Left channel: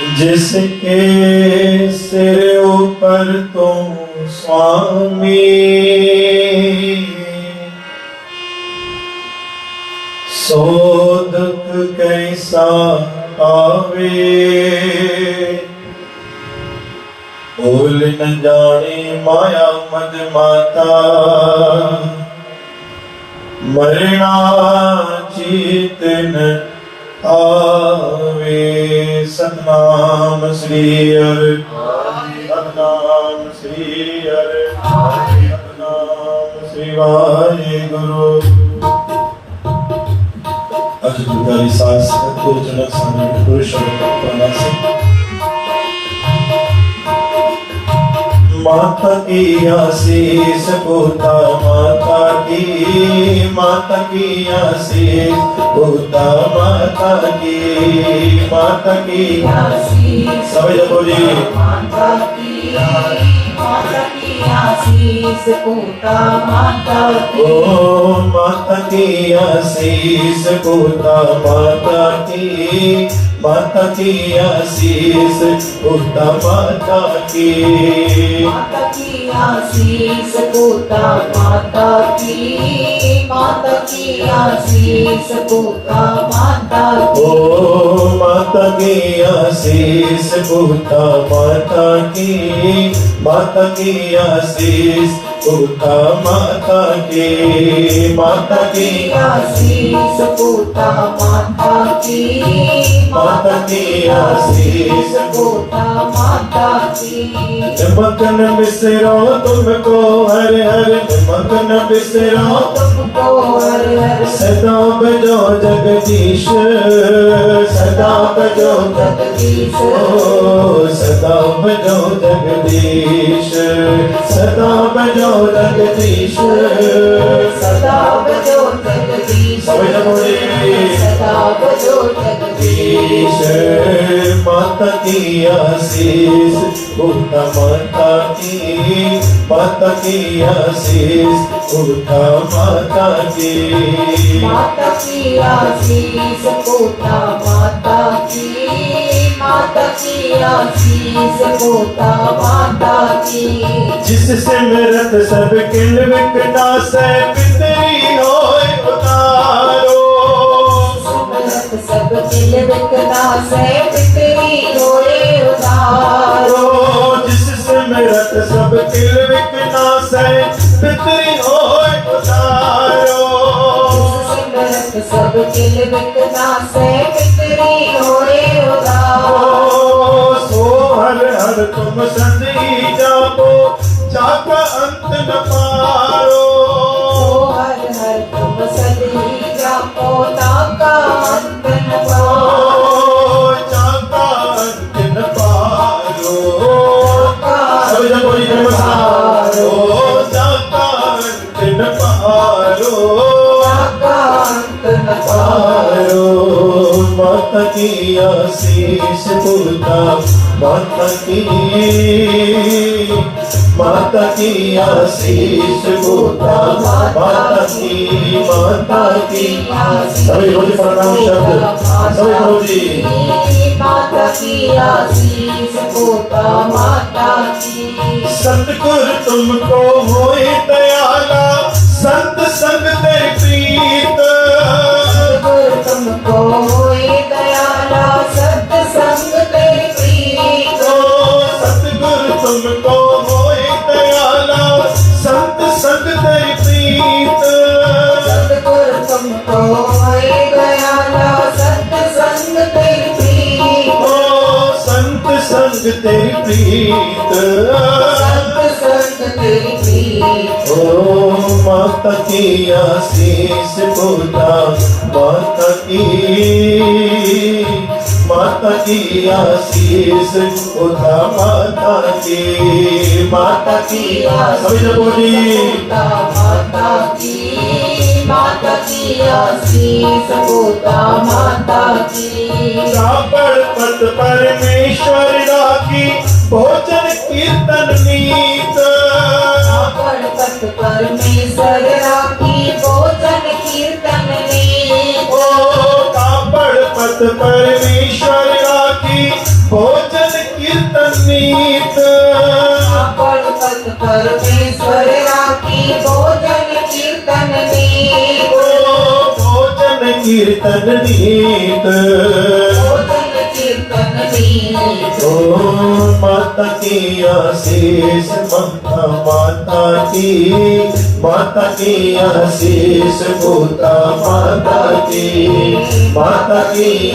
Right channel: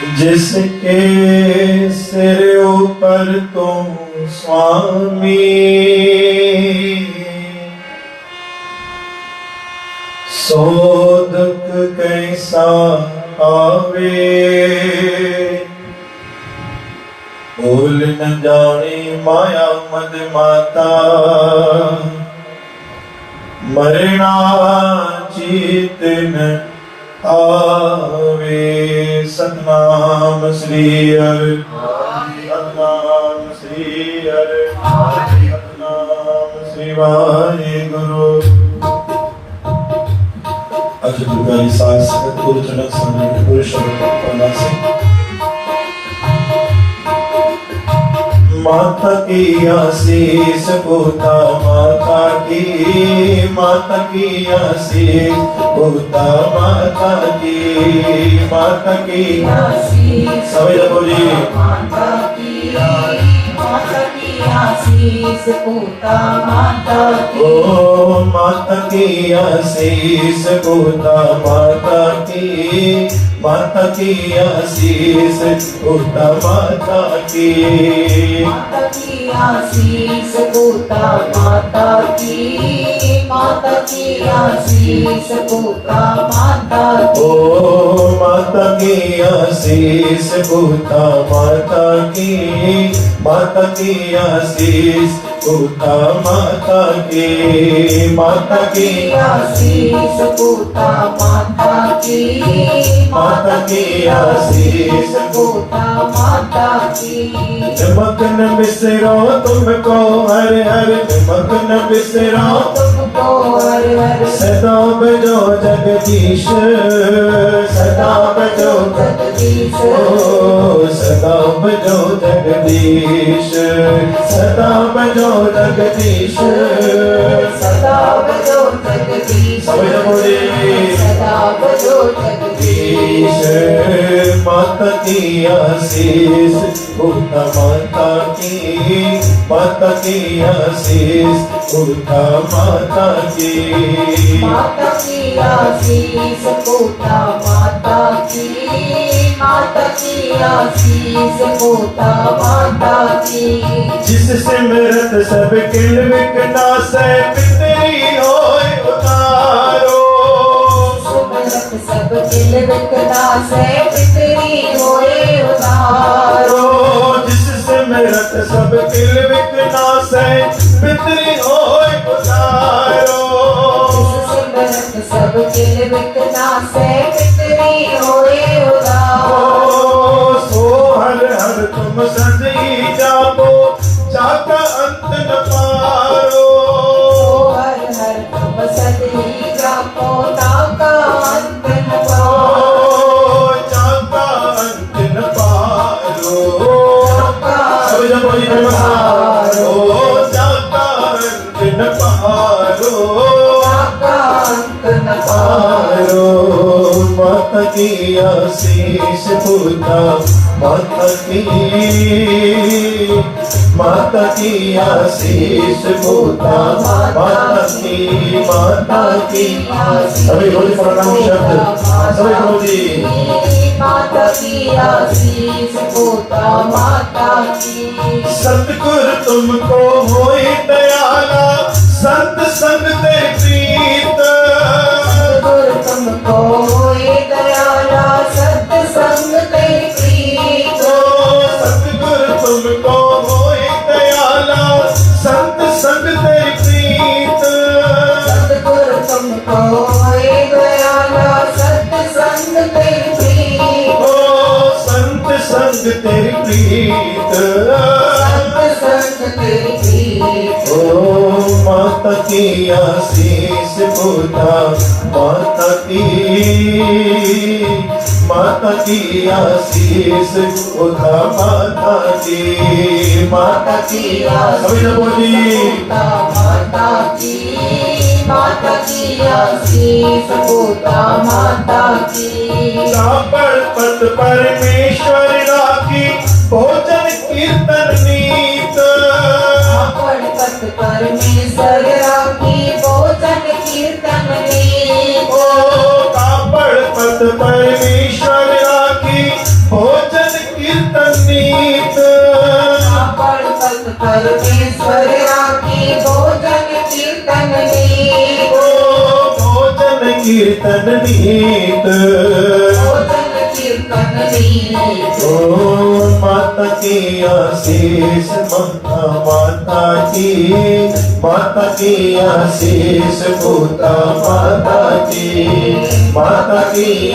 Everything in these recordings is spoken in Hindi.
जिसके सिर ऊपर तुम स्वामी, सो दुख कैसा आवे। भूल न जाने माया मद माता, मरना चीत न आवे। सतनाम श्री हरि, सतनाम श्री हरि, सतनाम श्री वाहेगुरु। आज दुर्गाई सास सत्योजन सामने पुरुष करना से माता की आशीष पूता, माता की आशीष पूता, माता की आशीष। सब जब बोलिए माता की आशीष पूता, माता की। ओ माता की आशीष पूता, माता की आशीष पूता, माता की आशीष पूता, माता की आशीष पूता, माता की। ओ माता की आशीष पूता, माता की आशीष पूता, माता की आशीष पूता, माता की आशीष पूता, माता की। मगन बिसरो तुमको हर हर, मगन बिसरो तुमको हर हर। सदा बजो जगदीश, सदा बजो जगदीश। ओ सदा बजो जगदीश, सदा बजो जगदीश, सदा बजो जगदीश। सदा बजो जगदीश। माता की आशीष पूता, माता की आशीष पूता, माता की आशीष पूता, माता की आशीष पूता, माता की। जिस सिमरत सब किल विकनाशे, पितरी होए उदारो। सिमरत सब किल विकनाशे, पितरी होए उदारो। जिस सिमरत सब किल विकनाशे, पितरी होए उदारो। सिमरत सब किल विकनाशे, पितरी होए उदारो। सो हर हर तुम सदी जाबो, जाका अंत न पारो। हर हर तुम सदी जाको, जाका अंत न पारो। जाका अंत न पारो। सब जब बोली जय मारो, जाका अंत न पारो। जाका अंत न पारो। माता की आशीष पूता, माता की आशीष पूता, माता की सभी बोली प्रणाम शब्द, सभी बोली माता की आशीष पूता, माता की। सतगुरु तुमको होए दयाला, संत संग दे प्रीत। सतगुरु तुमको होए दयाला, सत संग दे प्रीत। सतगुरु तुमको होए दयाला, संत संग दे प्रीत। सतगुरु तुमको होए दयाला, सत संग दे प्रीत। संत संग ते प्रीत, सत संग दे प्रीत। ओ माता की आशीष पूता, माता की आशीष पूता, माता की सभी बोली माता की आशीष पूता, माता की। कापड़ पद परमेश्वर राखी, भोजन कीर्तन नीत। कापड़ पद परमेश्वर राखी, भोजन कीर्तन नीत। कापड़ पद परमेश्वर राखी, कीर्तन नीत भोजन कीर्तन नीत ओ माता की आशीष माता की आशीष भूता माता की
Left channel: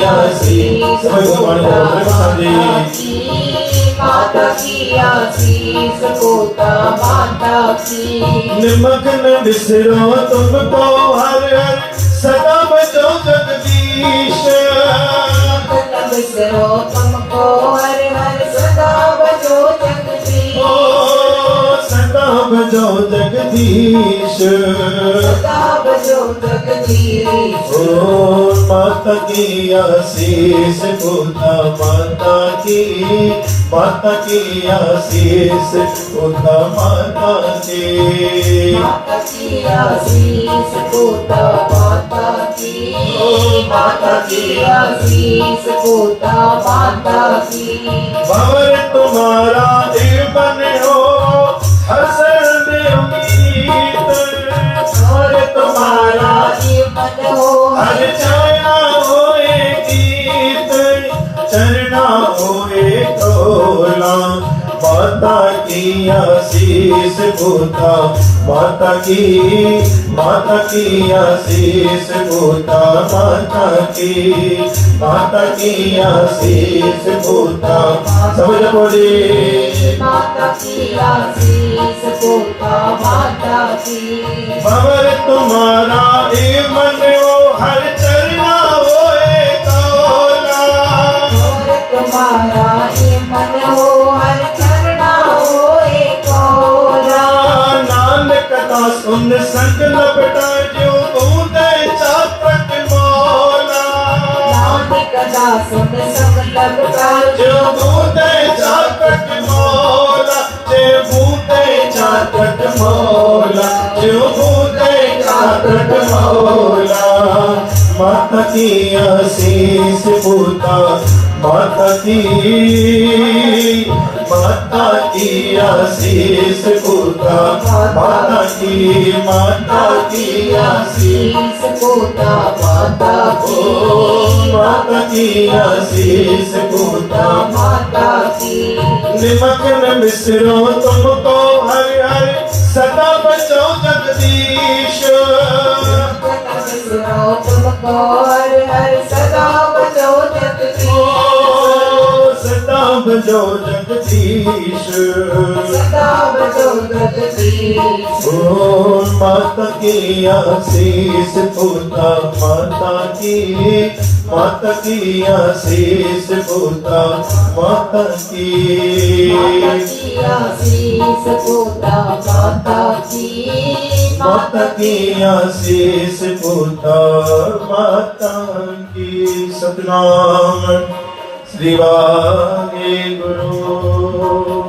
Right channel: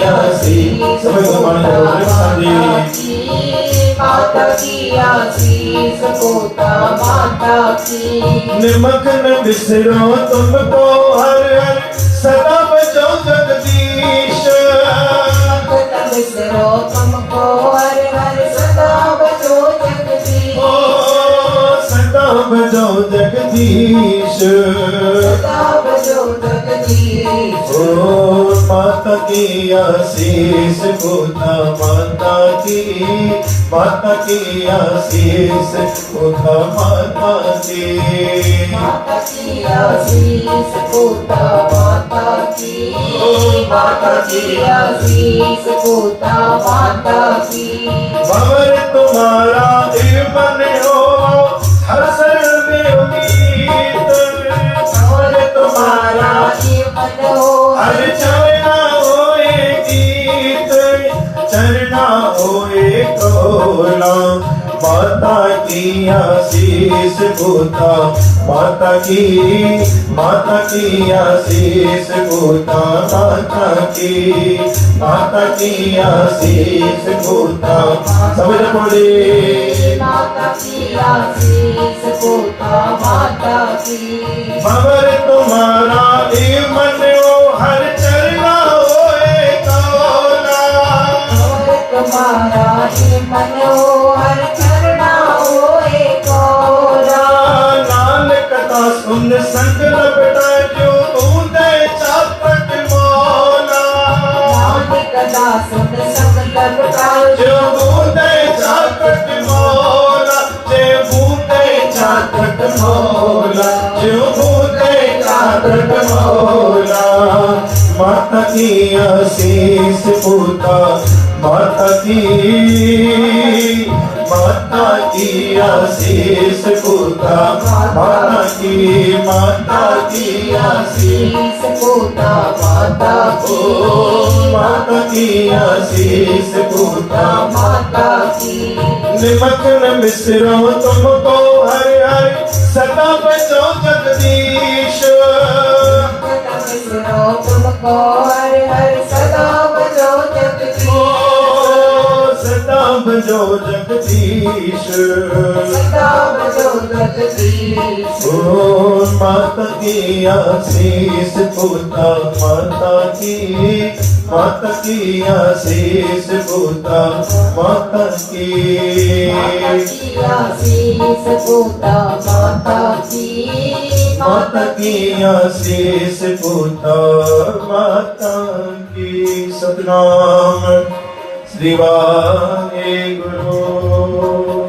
आशीष माता की आशीष होता माता की निमक न बिसरो तुमको हर हर सदा बजो जगदीश न बिसरो तुमको हर हर सदा बजो जगदीश सदा बजो जगदीश सदा बजो जगदीश ओ माता की आशीष भूता माता की आशीष भूता माता की माता की आशीष होता माता की आशीष होता माता की भवर तुम्हारा जीवन हो हर शरण में उम्मीद भवर तुम्हारा जीवन हो हर चरना होए गीत चरना होए कोला माता की आशीष भूता माता की आशीष भूता माता की आशीष भूता समझ मोड़ी माता की आशीष होता माता की भवर तुम्हारा भी मन हो हर चरना होए कोला और तुम्हारा ही मन हो हर चरणा होए तोरा नानक का सुन संग लपटा जो बूंदे चातक मौला नानक दासन सब लपकार जो बूंदे चातक मौला जे बूंदे चातक मौला जो बूंदे चातक मौला माता की आशीष भूता माता की आशीष भूता माता की आशीष शीस होता माता की माता की आशीष भूता माता की निमक न मिश्रो तुमको हर हर सदा बचो जगदीश तुमको हर हर सदा बजो जगदीश सदा बजो जगदीश सदा बजो जगदीश ओ माता की आशीष भूता माता की आशीष भूता माता की आशीष होता माता की आशीष भूता माता की सतनाम श्री वाहे गुरु